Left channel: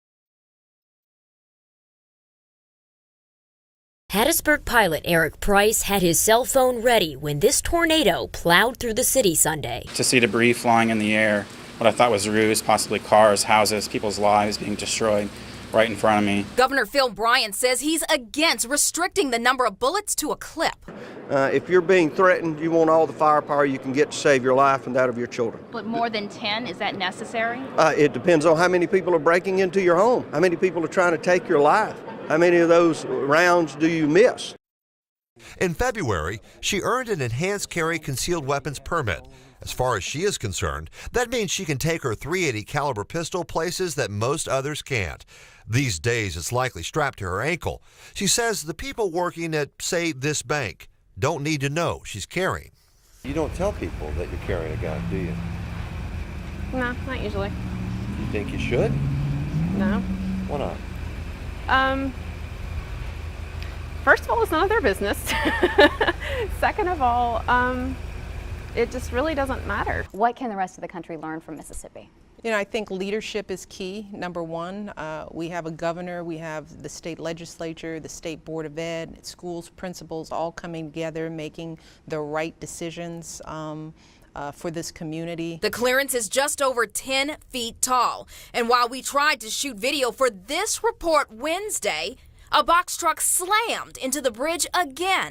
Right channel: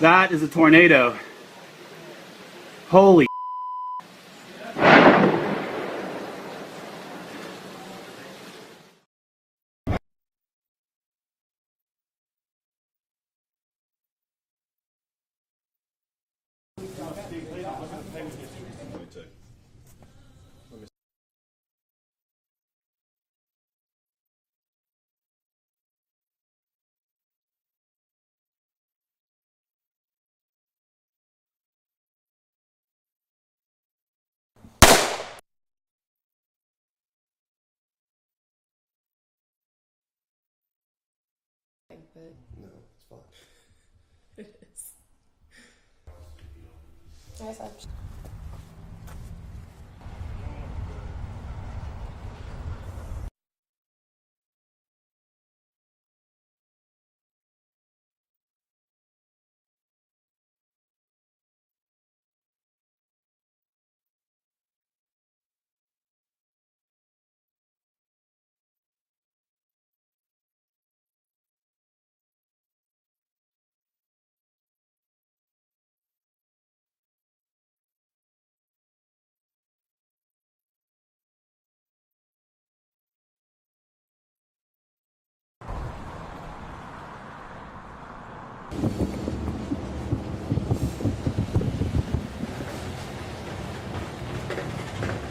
That is a tornado. Holy. Hattiesburg pilot Eric Price had his cell phone ready when this tornado plowed through the city Sunday. To see debris flying in the air, what I thought was roofs, possibly cars, houses, people's lives being destroyed right in front of me. Governor Phil Bryant says he's against restricting the number of bullets to a clip. If you're being threatened, you want all the firepower you can get to save your life and that of your children. But more than 10, is that necessary? It depends on how many people are breaking into your home, how many people are trying to take your life, how many of those rounds do you miss? In February, she earned an enhanced carry concealed weapons permit. As far as she is concerned, that means she can take her .380 caliber pistol places that most others can't. These days, it's likely strapped to her ankle. She says the people working at, say, this bank don't need to know she's carrying. You don't tell people that you're carrying a gun, do you? No, not usually. You think you should? No. Why not? First of all, it's none of their business. Second of all, it just really doesn't matter. What can the rest of the country learn from Mississippi? You know, I think leadership is key, number one. We have a governor, we have the state legislature, the state board of ed, schools, principals all coming together, making the right decisions for this community. The clearance is just over 10 feet tall. And while we tried to shoot video for this report Wednesday, a box truck slammed into the bridge again.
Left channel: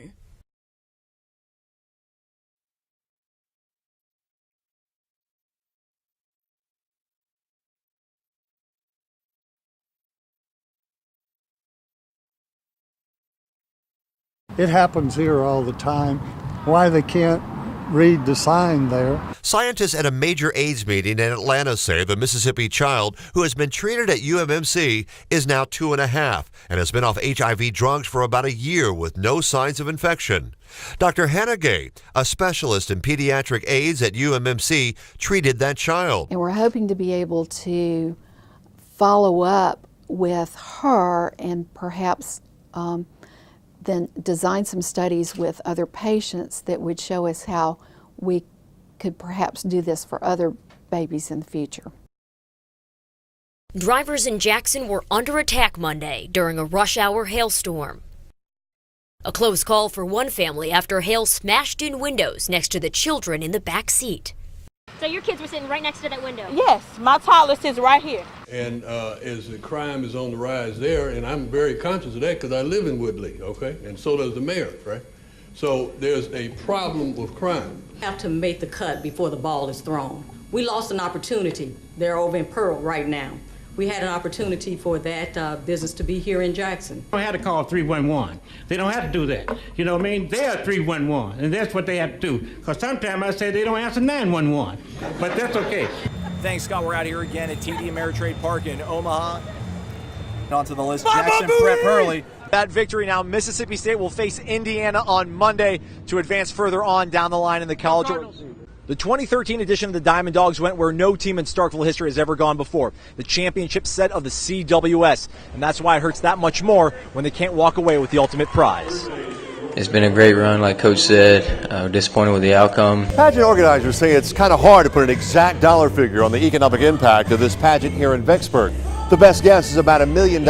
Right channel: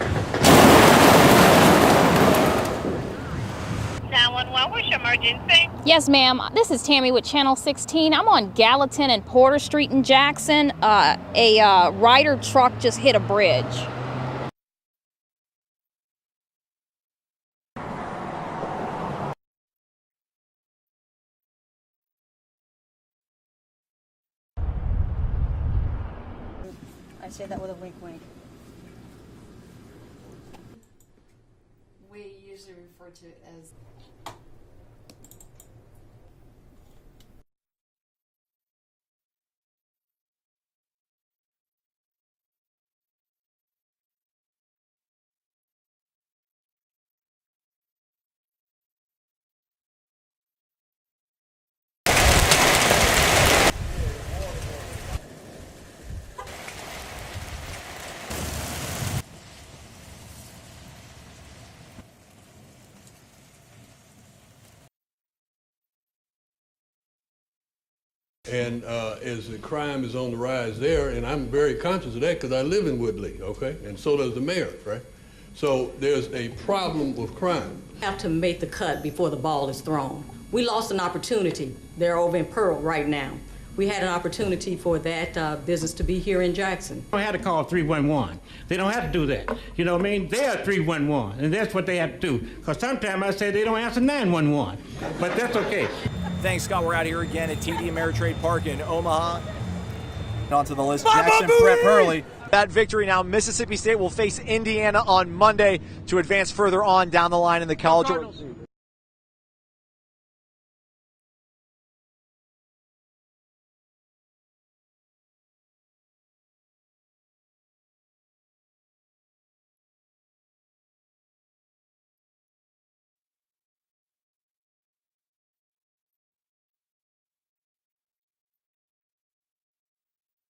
911, what's your emergency? Yes, ma'am. This is Tammy with Channel 16. I'm on Gallatin and Porter Street in Jackson. A Ryder truck just hit a bridge. It happens here all the time. Why they can't read the sign there. Scientists at a major AIDS meeting in Atlanta say the Mississippi child who has been treated at UMMC is now 2.5 and has been off HIV drugs for about a year with no signs of infection. Dr. Hannah Gay, a specialist in pediatric AIDS at UMMC, treated that child. And we're hoping to be able to follow up with her and perhaps then design some studies with other patients that would show us how we could perhaps do this for other babies in the future. Drivers in Jackson were under attack Monday during a rush hour hailstorm. A close call for one family after hail smashed in windows next to the children in the back seat. So your kids were sitting right next to that window? Yes, my toddler sits right here. And as the crime is on the rise there, and I'm very conscious of that because I live in Woodley, okay? And so does the mayor, right? So there's a problem with crime. We have to make the cut before the ball is thrown. We lost an opportunity. They're over in Pearl right now. We had an opportunity for that business to be here in Jackson. I had to call 311. They don't have to do that. You know what I mean? They are 311, and that's what they have to do. Because sometimes I say they don't answer 911, but that's okay. Thanks, Scott. We're out here again at TD Ameritrade Park in Omaha. On to the list, Baba Jackson Booey! prep early. That victory now, Mississippi State will face Indiana on Monday to advance further on down the line in the college. The 2013 edition of the Diamond Dogs went where no team in Starkville history has ever gone before. The championship set of the CWS. And that's why it hurts that much more when they can't walk away with the ultimate prize. It's been a great run, like Coach said. Disappointed with the outcome. Pageant organizers say it's kind of hard to put an exact dollar figure on the economic impact of this pageant here in Vicksburg. The best guess is about $1 million.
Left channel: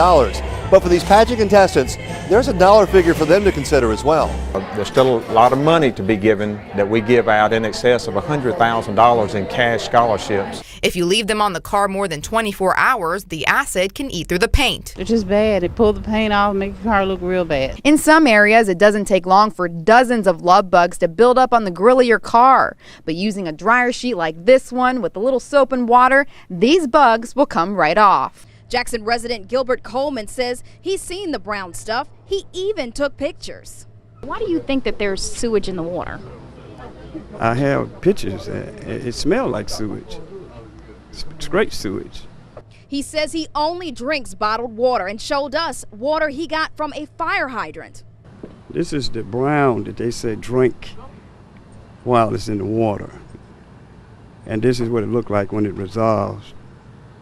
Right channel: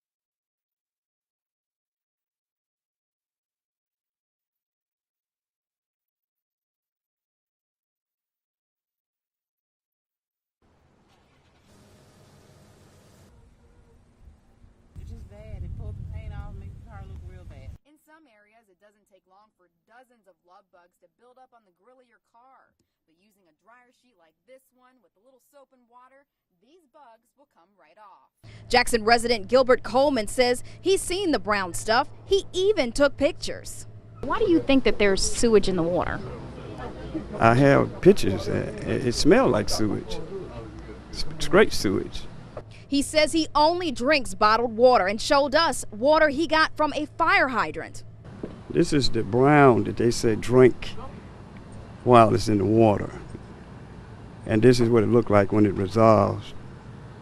But for these pageant contestants, there's a dollar figure for them to consider as well. There's still a lot of money to be given that we give out in excess of $100,000 in cash scholarships. If you leave them on the car more than 24 hours, the acid can eat through the paint. It's just bad. It pull the paint off and make your car look real bad. In some areas, it doesn't take long for dozens of love bugs to build up on the grill of your car. But using a dryer sheet like this one with a little soap and water, these bugs will come right off. Jackson resident Gilbert Coleman says he's seen the brown stuff. He even took pictures. Why do you think that there's sewage in the water? I have pictures. It smells like sewage. It's great sewage. He says he only drinks bottled water and showed us water he got from a fire hydrant. This is the brown that they say drink while it's in the water. And this is what it looked like when it resolves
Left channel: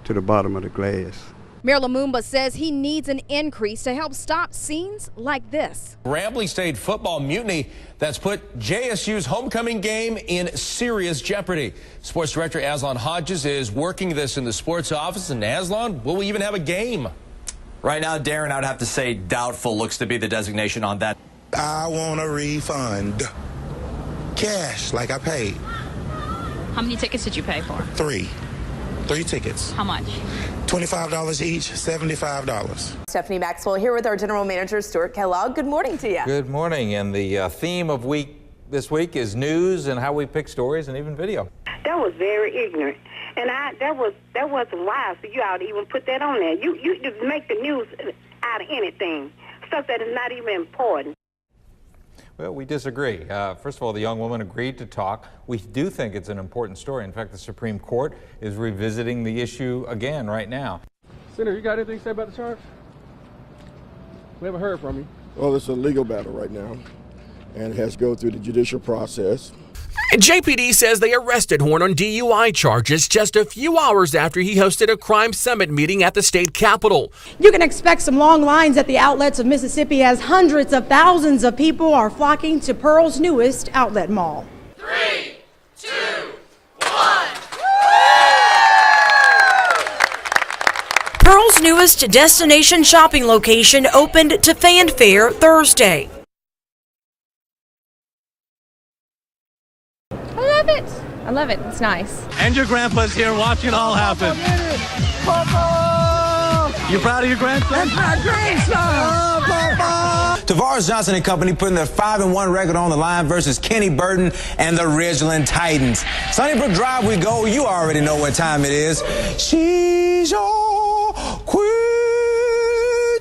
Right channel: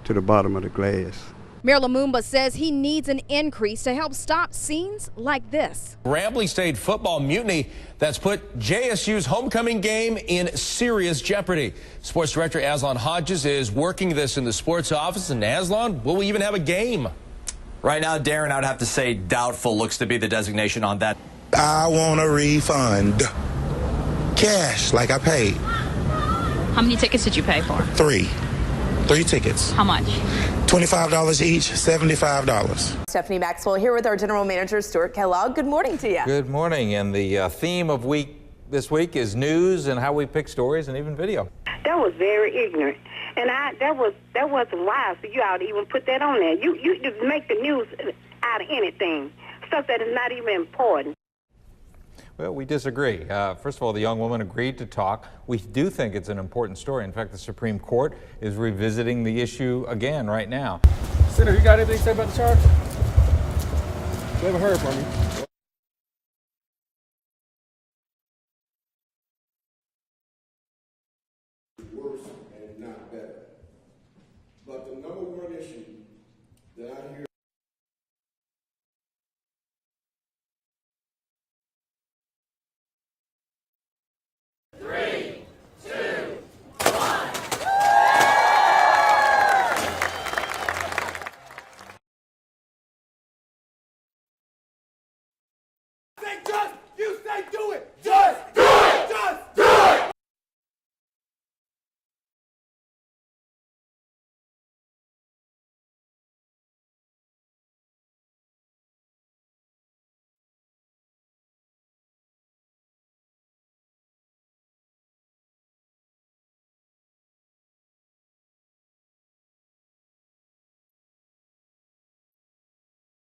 to the bottom of the glass. Mayor Lumumba says he needs an increase to help stop scenes like this. Grambling State football mutiny that's put JSU's homecoming game in serious jeopardy. Sports Director Aslan Hodges is working this in the sports office. And Aslan, will we even have a game? Right now, Darren, I'd have to say doubtful looks to be the designation on that. I want a refund. Cash, like I paid. How many tickets did you pay for? 3 tickets. How much? $25 each, $75. Stephanie Maxwell here with our General Manager, Stuart Kellogg. Good morning to you. Good morning. And the theme of this week is news and how we pick stories and even video. That was very ignorant. And that wasn't wise for you all to even put that on there. You just make the news out of anything, stuff that is not even important. Well, we disagree. First of all, the young woman agreed to talk. We do think it's an important story. In fact, the Supreme Court is revisiting the issue again right now. Senator, you got anything to say about the charge? We haven't heard from you. Well, it's a legal battle right now, and it has to go through the judicial process. JPD says they arrested Horn on DUI charges just a few hours after he hosted a crime summit meeting at the state capitol. You can expect some long lines at the outlets of Mississippi as hundreds of thousands of people are flocking to Pearl's newest outlet mall. 3, 2, 1. Pearl's newest destination shopping location opened to fanfare Thursday. I love it. It's nice. And your grandpa's here watching it all happen. You proud of your grandson? That's my grandson. Tavares Johnson and company putting their 5-1 record on the line versus Kenny Burton and the Ridgeland Titans. Sunnybrook Drive we go. You already know what time it is. She's your queen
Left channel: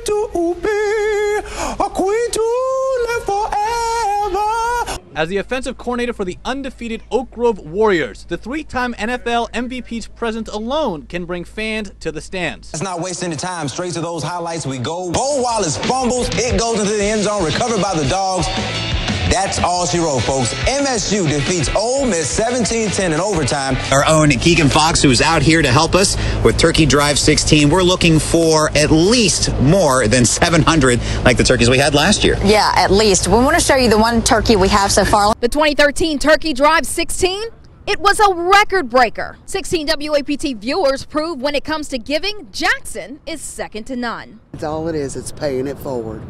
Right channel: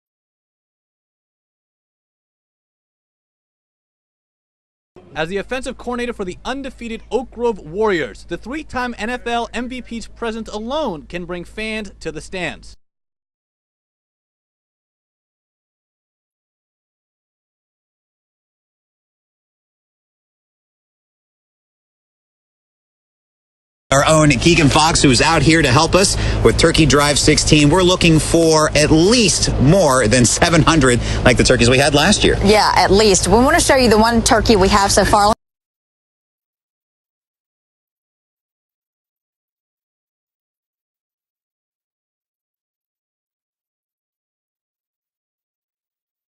to be, a queen to live forever. As the offensive coordinator for the undefeated Oak Grove Warriors, the 3-time NFL MVP's presence alone can bring fans to the stands. Let's not waste any time. Straight to those highlights we go. Bo Wallace fumbles. It goes into the end zone. Recovered by the Dogs. That's all she wrote, folks. MSU defeats Ole Miss 17-10 in overtime. Our own Keegan Fox, who's out here to help us with Turkey Drive 16. We're looking for at least more than 700 like the turkeys we had last year. Yeah, at least. We want to show you the one turkey we have so far. The 2013 Turkey Drive 16, it was a record breaker. 16 WAPT viewers prove when it comes to giving, Jackson is second to none. It's all it is. It's paying it forward,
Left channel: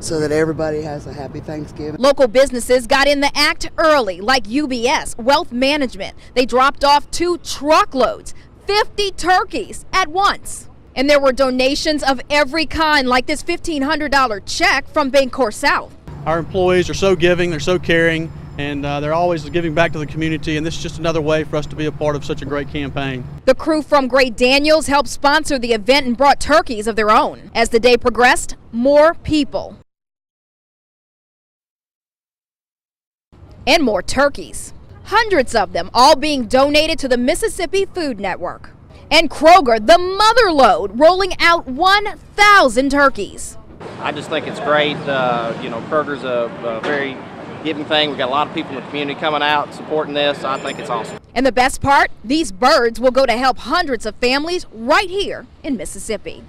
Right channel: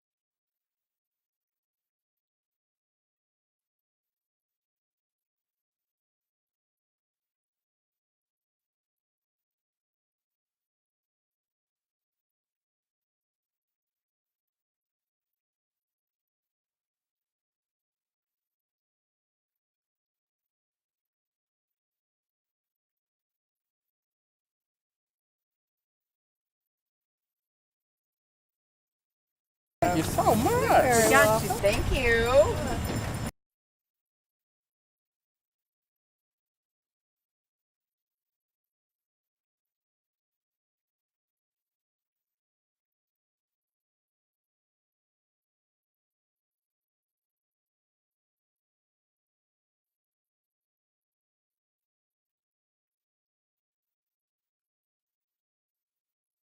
so that everybody has a happy Thanksgiving. Local businesses got in the act early, like UBS Wealth Management. They dropped off 2 truckloads, 50 turkeys at once. And there were donations of every kind, like this $1,500 check from Bancorp South. Our employees are so giving, they're so caring, and they're always giving back to the community, and this is just another way for us to be a part of such a great campaign. The crew from Great Daniels helped sponsor the event and brought turkeys of their own. As the day progressed, more people. Thank you so much. We got you. Thank you. And more turkeys. Hundreds of them, all being donated to the Mississippi Food Network. And Kroger, the mother lode, rolling out 1,000 turkeys. I just think it's great. Kroger's a very giving thing. We've got a lot of people in the community coming out supporting this. I think it's awesome. And the best part, these birds will go to help hundreds of families right here in Mississippi.